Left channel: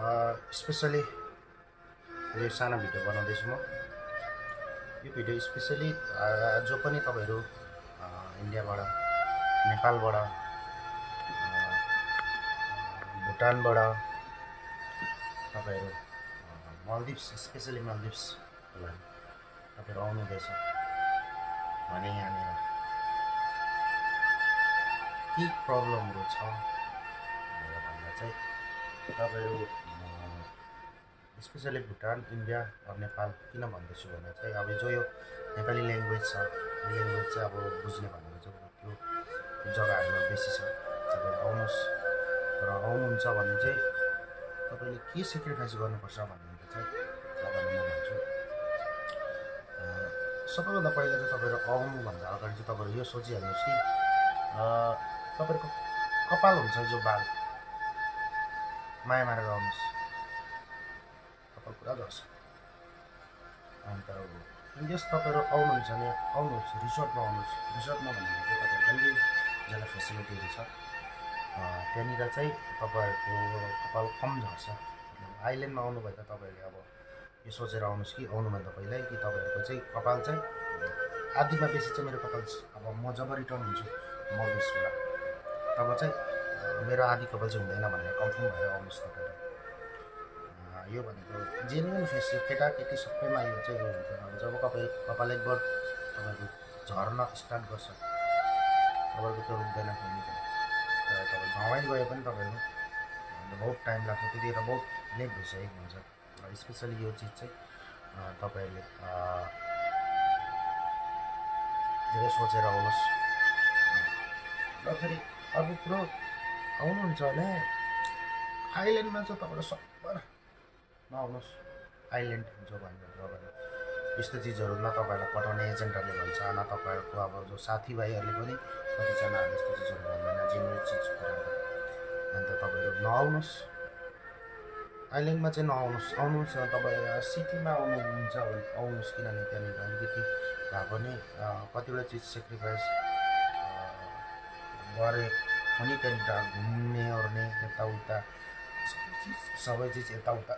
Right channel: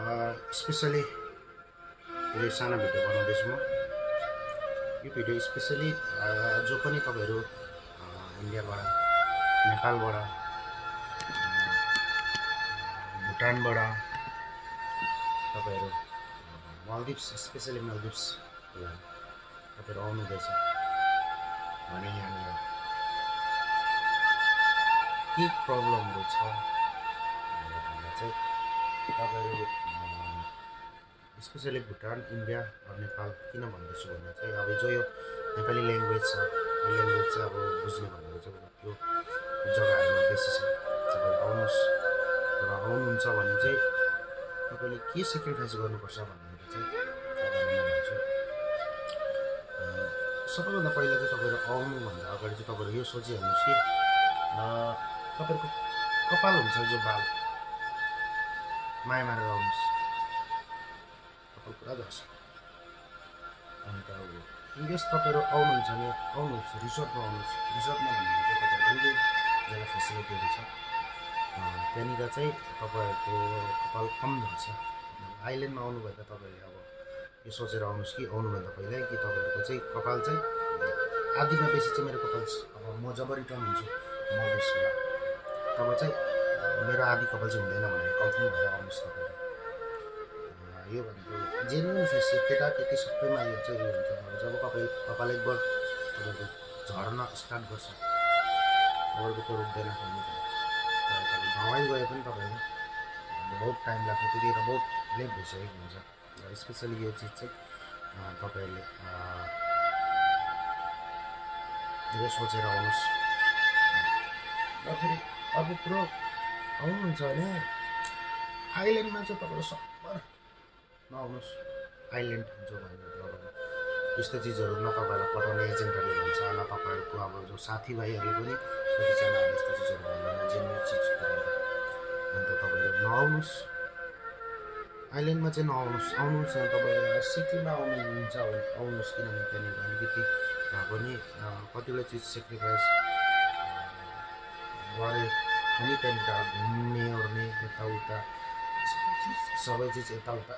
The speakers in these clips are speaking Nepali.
स्पेसली यो सानो भिडियो बनाउँदैछु म। यो भिडियो स्पेसली जो पनि तपाईहरु इन्डियाबाट, नेपालबाट, भुटानबाट तपाईहरु मालदिभ्स, स्पेसली मालदिभ्स को लागि तपाईहरु आउनु हुँदैछ भने यहाँनिर के प्रब्लमहरु छ भनेर भन्दा चाहिँ तपाईहरु स्पेसली भुटान, इन्डिया र नेपाल किन भन्दैछु भने चाहिँ अब जो यो नेपाली ल्याङ्ग्वेज छ, यो ल्याङ्ग्वेज चाहिँ अब बुझ्ने भनेको चाहिँ त्यो जग्गाहरुमा बेसी छ। तपाईहरु आउनुस् र आउनुहुन्छ भने चाहिँ तपाईले के सेक्रिफाइस गर्नुपर्छ भन्ने चाहिँ तपाईलाई म भन्छु। सबैभन्दा पहिला चाहिँ तपाईहरु आउनु भन्दा अगाडि चाहिँ तपाईहरु यो सोचिहाल्नुस् कि तपाईहरुको कपाल हुन्छ जो बाल माया मारेर आउनुस्, कपाल पुरा झर्छ। अन्त अब इन्केस तपाईहरु आउनुहुन्छ भने आउनुस्, रिसोर्टमा आउनुस्। रिसोर्टमा भनेको चाहिँ तपाईहरुको जग्गा फेसिलिटीहरु छ, त्यहाँनिर चाहिँ तपाईहरुको कपाल कम झर्छ। आइल्यान्डमा आउनु भए त तपाईहरुले अब यो सोचेर आउनुस् कि आउनुभन्दा पहिला कि तपाईहरुको चाहिँ कपाल चाहिँ आधीमा बेसी चाहिँ मेरो कपाल अब म जब रिटर्न हुन्छु मालदिभ्सबाट तब चाहिँ मेरो आधी कपाल चाहिँ हुँदैन भनेर कन्फर्म भएर आउनुस् तपाईहरु। यो भनेको जेन्युन फेस, केटाकेटी सबैमा यो चाहिँ यो हुन्छ। अब जब कपाल एकबार तपाईहरुको झर्न स्टार्ट गर्छ तपाईहरुको त्यो रुक्दैन कहिले पनि। तर तपाईँ गाउँमै गए पनि तपाईहरुको बहुत टाइम लाग्छ, त्यतिखेर बहुत लेट भइसकेको हुन्छ। र स्पेसली यो चीज चाहिँ तपाईहरुले धेरै सोचेर आउनुस्। र फेरि अर्को कुरो आउनुहुन्छ भने आइल्यान्डमा चाहिँ तपाईहरु सबभन्दा नआउनुस्। आइल्यान्ड जो भन्छ तपाईहरु यस्तो चिजहरु न तपाईलाई पठाउने एजेन्टहरुले भन्छ, न तपाईहरुको अब जो साथीभाइहरुले पनि कतिजनाहरुले यस्तो चिजहरु भन्दैन, जेन्युन चिज कुराहरु। अन्त तपाईहरु नआउनुस्, आइल्यान्डमा चाहिँ नआउनुस्। आउनुहुन्छ तपाईहरु सिटीमा आउनुहुन्छ भने आउनुस्, किनभने त्यहाँनिर अलिकति भए पनि कतिवटा चिज सेक्रिफाइस गरे पनि त्यहाँनिर घुम्ने ओर्ने यताउता सबै चिज यताउता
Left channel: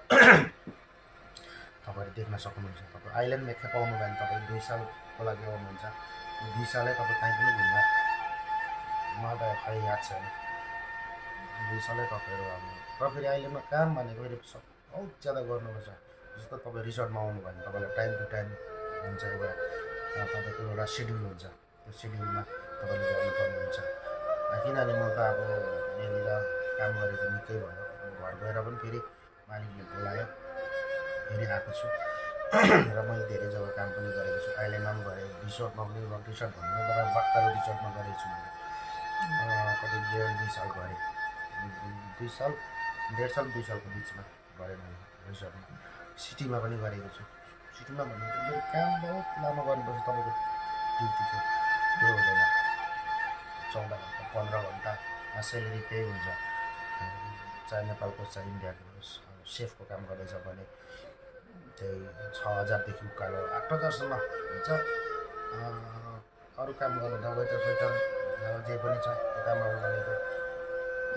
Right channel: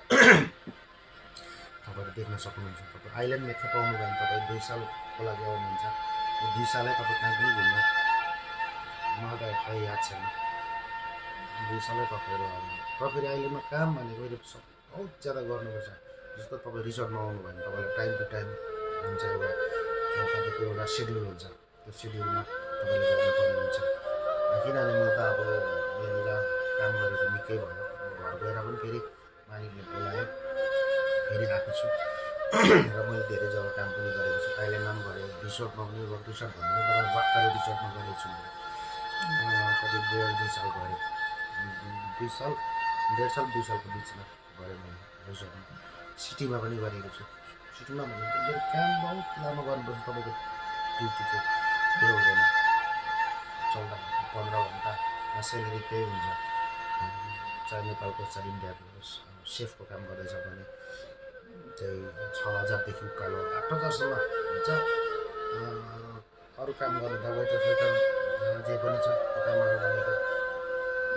तपाईहरु देख्न सक्नुहुन्छ। तपाईं आइल्यान्डमा एकखेप आउनु भयो भने तपाईँ 2 सालको लागि आउनुहुन्छ, 2 सालै तपाईँ कहीँ पनि घुम्न मलाई त खै याद छैन, 2 सालै तपाईहरु आउनु। र फेरि आइल्यान्डमा काम भनेको बहुत ज्यादा गर्नुपर्छ। जस्तो तपाईँ रिसोर्टमा आउनु भयो भने तपाईलाई टाइम टु टाइम हुन्छ, तपाईको एउटा सेड्युल हुन्छ, त्यो सेड्युलमा तपाईले गर्नुपर्ने हुन्छ। किनभने म त अब यहाँनिर काम गरेको निकै भयो, घर गएर पनि फेरि मालिकले बोलायो फेरि आएको छु। र मैले धेरै जग्गा काम पनि गरेको छु, आइल्यान्डमा पनि गरेँ, रिसोर्टमा पनि। रिसोर्ट भन्नु तपाईँ बक्कारो रिसोर्टमा गरेको छु मैले, कति 1.5-2 साल गरेँ, 2 साल 1.5 साल 2 सालको बिचमा गरेँ मैले रिसोर्टमा। सिटीमा पनि गरेको छु। सिटीमा भन्नु चाहिँ काम बहुत लामो गर्नुपर्छ, तपाईँको ड्युटीको त्यो हुँदैन, 14 घन्टा 15 घन्टा सेलेरी त्यही हुन्छ। चाहे नेपालको चाहे इन्डियाको सेफको काम गर्दैछ भने चाहिँ 6000 देखि उकालो 8000 सम्म हुन्छ। अरू काम गर्दा वेटर जे पनि छ त्यो कामहरू भनेको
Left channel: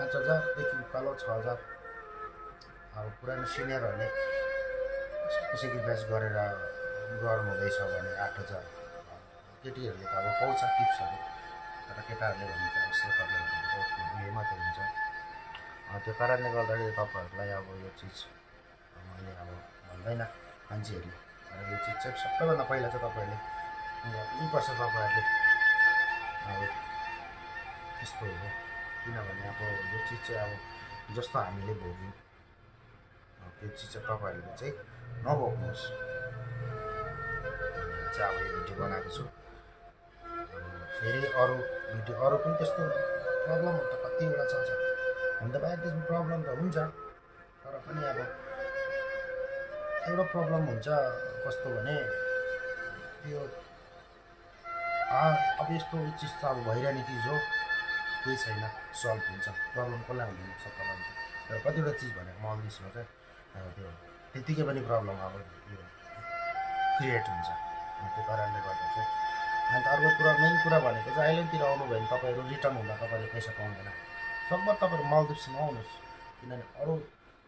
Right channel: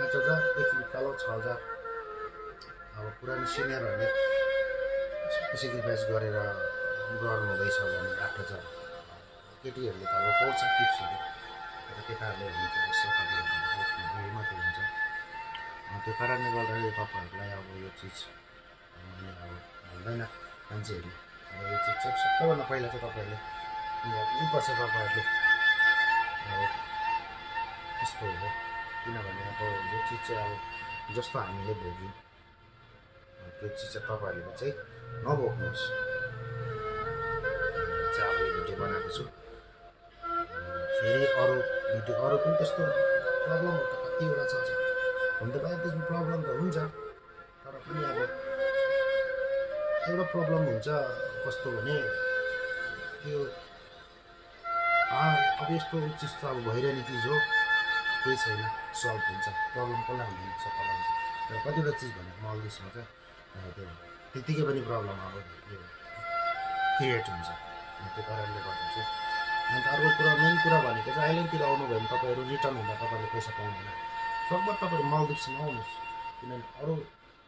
5000 देखि उकालो 6000। अब पुरानो सिनियरहरूले सेक्रिफाइस गरेर गर्नु हुँदैछ भने 8000। केटीहरूले त अब पाउँछ टिप्सहरू, तर केटाहरूले भने चाहिँ सेफहरूले भनेको उयो मात्रै हुन्छ। त्यो कारणले गर्दाखेरि तपाईहरुलाई अब यो चिज मैले अब भन्दैन मान्छेहरूले, तर यो चिज चाहिँ सबैभन्दा पहिला चाहिँ तपाईहरुले गर्नुपर्छ। तपाईहरुले अब त्यस्तो हो, किनभने अब यो चिज चाहिँ अब जस्तो हामीले भोग्यौँ त्यो चिज चाहिँ तपाईहरुले चाहिँ नभोग्नुहोस् भनेर चाहिँ अब यो भिडियो बनाएको छु। फेरि अरू भिडियो अरू पनि त्यस्तो प्रब्लमहरु त कतिवटा छ हुन त बाहिर त्यसमा प्रब्लम त हुन्छ, तर पनि अब एउटा प्रब्लम हुन्छ कस्तो भने त्यो अब यस्तो चिज त अब भइरहने चिज हो, केही छैन, सल्भ हुन्छ। प्रब्लम कसलाई हुँदैन, सबैलाई हुन्छ। तर कतिवटा चिज भनेको मालदिभ्समा चाहिँ त्यो त्यतिकै पनि प्रब्लम अब यो क्रिएट हुन्छ। त्यो कारणले गर्दा चाहिँ अन्त अर्को कुरा मेन कुरा भनेको चाहिँ आइल्यान्डतिर आउनु भयो भने तपाईँहरू रिटर्न हुँदा तपाईँले पैसा पाउँदैन। सकभर तपाईहरु मालदिभ्समा आउनुस्, किनभने अरू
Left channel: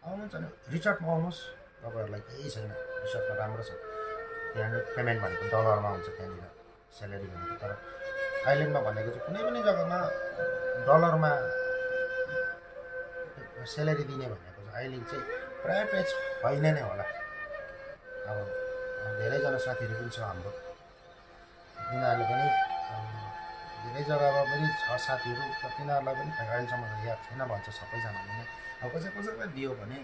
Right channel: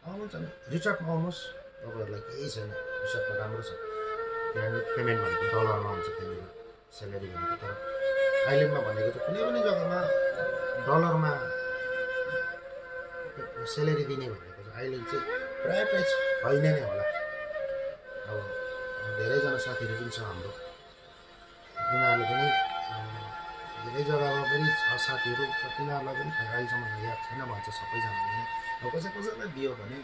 आउनुहुन्छ भने रिसर्टमा आउनुहोस्, तपाईँहरूलाई केही छैन, रिसर्टमा राम्रो छ। त्यहाँनिर पेमेन्ट भनेको डलरमा हुन्छ, त्यहाँनिर स्यालेरी भनेको। तर आइल्यान्डमा भनेको चाहिँ कुनै पनि जग्गामा डलरमा स्यालेरी दिने भनेको चाहिँ आइल्यान्ड चाहिँ प्रायः छैन नै होला। अब धेरैजना साथीहरू पनि छ हाम्रो, तिनीहरूले पनि धेरै जग्गामा पनि छ साथीहरू, तिनीहरूलाई पनि अहिलेसम्म याद छैन भन्छ सबैजनाले नै। अब कसैलाई दियो भने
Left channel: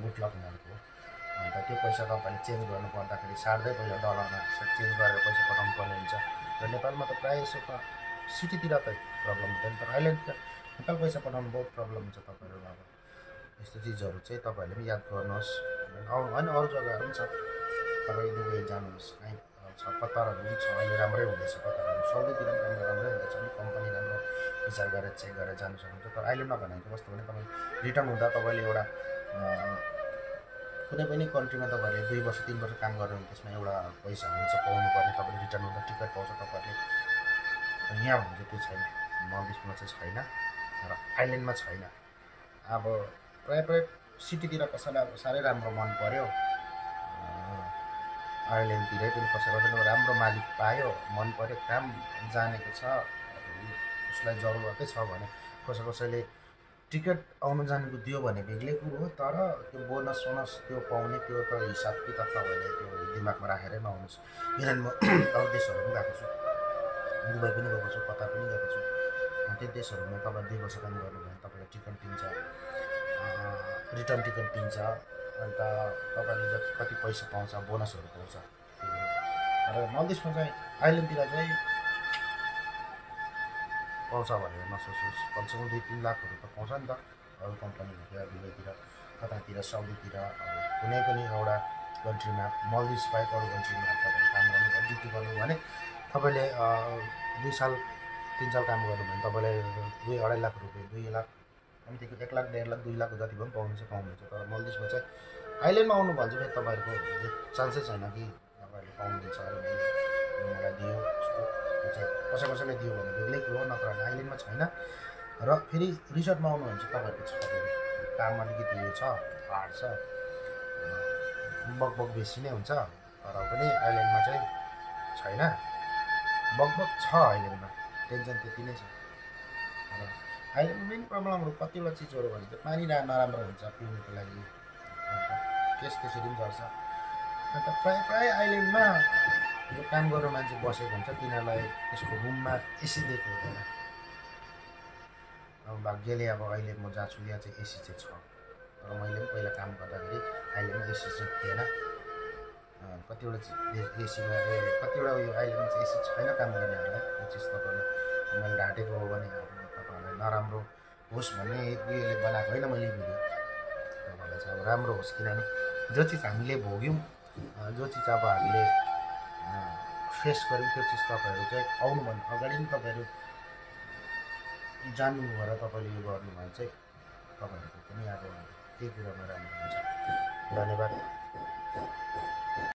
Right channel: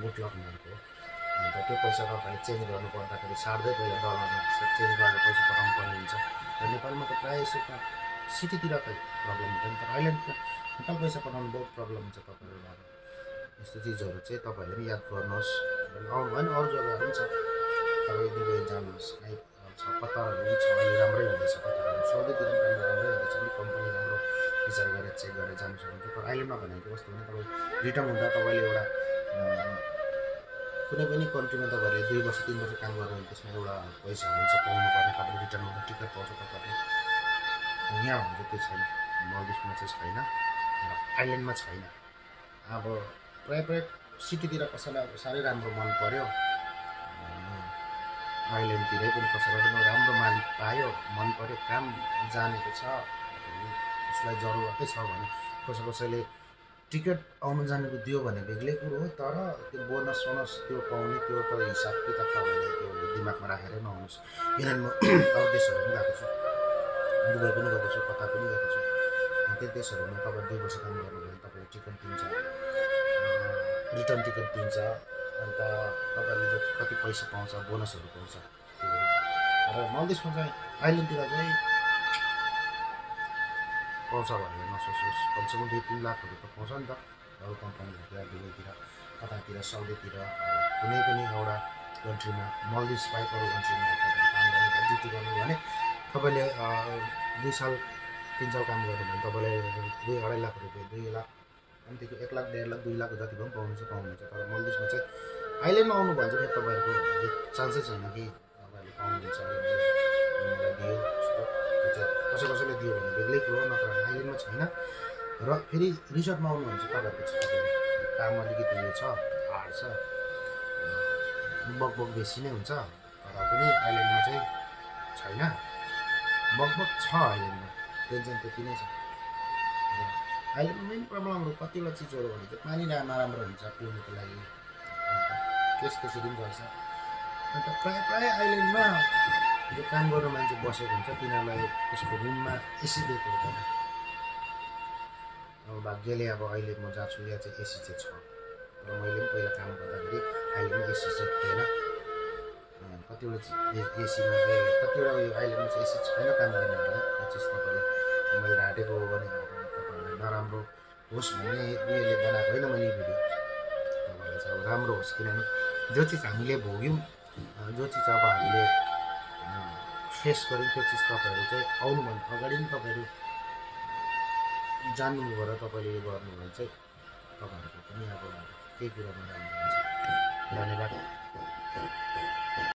गुड लक उनीहरूको। अन्त त्यो पैसा तपाईँले चेन्ज गर्नु पर्दाखेरि सार्दै पहिला डलरमा चेन्ज गरेर पैसा पठाउनु पर्ने हुन्छ। र नेपालमा त प्रायः यसो त सिटीतिर त प्रब्लम हुँदैन, तर आइल्यान्डमा नेपाल पैसा पठाउनु बहुत प्रब्लम हुन्छ तपाईँहरू। अब यस्तो चिजहरू चाहिँ तपाईँहरूले पनि याद गर्नुहोस्। होइन अरू जग्गाहरू पनि छ, तपाईँ दुबई जानुहोस्, कहीँ छ कतारहरू पनि छ, अहिले राम्रै हुँदैछ कतारहरू, साउदीतिर पनि राम्रै हुँदैछ। अलिक कम्पनी राम्रो विचार गरेर चेक गरेर जानु सक्नुहुन्छ। तर आइल्यान्डमा भनेको कस्तो भने तपाईँ रिटर्न हुँदा तपाईँले एउटा कुनै पनि कन्ट्रीमा तपाईँहरूले 2 वर्ष 3 वर्ष काम गर्नु भने त्यसमा एउटा पैसा हुन्छ पाउनुपर्ने, तपाईँले रिटर्न हुँदा टिकट पाउँछ तपाईँहरूले। यहाँ भनेको त्यो छैन, मल्दिभ्समा चाहिँ छैन र आइल्यान्डमा छैन। अब प्रायः सिटीतिर कसैलाई अब साह्रै राम्रो मन पऱ्यो, आइल्यान्डतिरै पनि कसैलाई राम्रो मालिक पायो, मन पऱ्यो, काम जानेको छ, उसलाई जरुरतै छ भने कसैले टिकट आउनु जानेको दियो भने बेग्लै कुरो हो। तर त्यो बोनस त्यो पाउने त्यो त हिसाब किताब तपाईँले त्यो दिमागमा राखेरै नआउनुहोस्। किनभने म अरू देशहरू पनि गएको छु, दुबई पनि गएको छु, कतार पनि गएको छु। त्यो देशहरूमा तपाईँ 2 वर्ष काम गर्नुभयो भने तपाईँलाई टिकट दिन्छ, रिटर्न टिकट दिन्छ। अन्त तपाईँले कति पैसा पाउँछ, बोनसहरू पाउँछ त्योहरू। तर मल्दिभ्समा चाहिँ आइल्यान्डतिर चाहिँ पाउँछ भनेर नसोच्नुहोस्, कमसेकम 2-3 लाखहरू त पाउँछ नि त। अरू कम्पनीहरूतिर दुबईतिर, कतातिर, साउदीतिर, कुनै पनि एउटा कन्ट्रीमा, मल्दिभ्स बाहेक अरू कन्ट्रीमा तपाईँले काम गर्नुभयो, ड्युटी गर्नुभयो भने तपाईँले 2 साल 3 साल काम गर्नुभयो भने तपाईँले 2-2.5 लाख रुपियाँ, 2 लाख कम्तीको 1 लाख 1.5 लाख 2 लाख जति पनि पाउनुहुन्छ। तर मल्दिभ्समा चाहिँ आइल्यान्डमा आउनु भने चाहिँ फेरि तपाईँहरूको चान्सै छैन कि तपाईँहरूले पाउनुहुन्छ अरे मलाई दियो जस्तो। त्यो चाहिँ कसैले दियो भने बेग्लै कुरो हो, नत्र आइल्यान्डमा छैन। र फेरि रिसर्टमा आउनु भने चाहिँ तपाईँहरूको छ, काम अलिकति उयो छ, हार्ड छ, बकबक बेसी नै हुन्छ। तर पनि आइल्यान्डमा चाहिँ छैन, बकबक छ आइल्यान्डमा, टेन्सन त्यति नै छ। र आइल्यान्डमा मेन प्रब्लमहरू कतिवटा चिजहरू भने चाहिँ पानी नराम्रो हुन्छ पिउनुको लागि, अन्त केस त्यसरी पनि गर्छ। अन्त प्रायः आइल्यान्डमा जो काम गर्ने मान्छे बसेको हुन्छ तिनीहरूलाई त्यसको रुममा एसी दिएको हुँदैन। अब भाग्यले अब अहिले म जहाँ छु यहाँ चाहिँ एसी चाहिँ छ, तर मैले पनि पहिला काम गर्दाखेरि आइल्यान्डमा एसी चाहिँ थिएन। कतिवटा एसीमा कतिवटा उयो आइल्यान्डमा चाहिँ एसी छैन काम गर्नेहरूलाई। त्यो चिज तपाईँलाई मैले ढाँटेको हो भने अब तपाईँहरूलाई नराम्रो होस् भन्ने उयोले बनाएको होइन मैले भिडियो। तपाईँलाई चाहिँ अब राम्रो होस्, किनभने जो चिज हामीले भोग्यौँ, जो चिज अब हामीले फेस गऱ्यौँ, त्यो चिज तपाईँहरू चाहिँ आउनुभन्दा अगाडि नै तपाईँहरू जान्नु भएर तपाईँले यो गर्नु भने चाहिँ तपाईँहरूको पनि अब केही कुरामा राम्रो हुन्छ। धन्यवाद।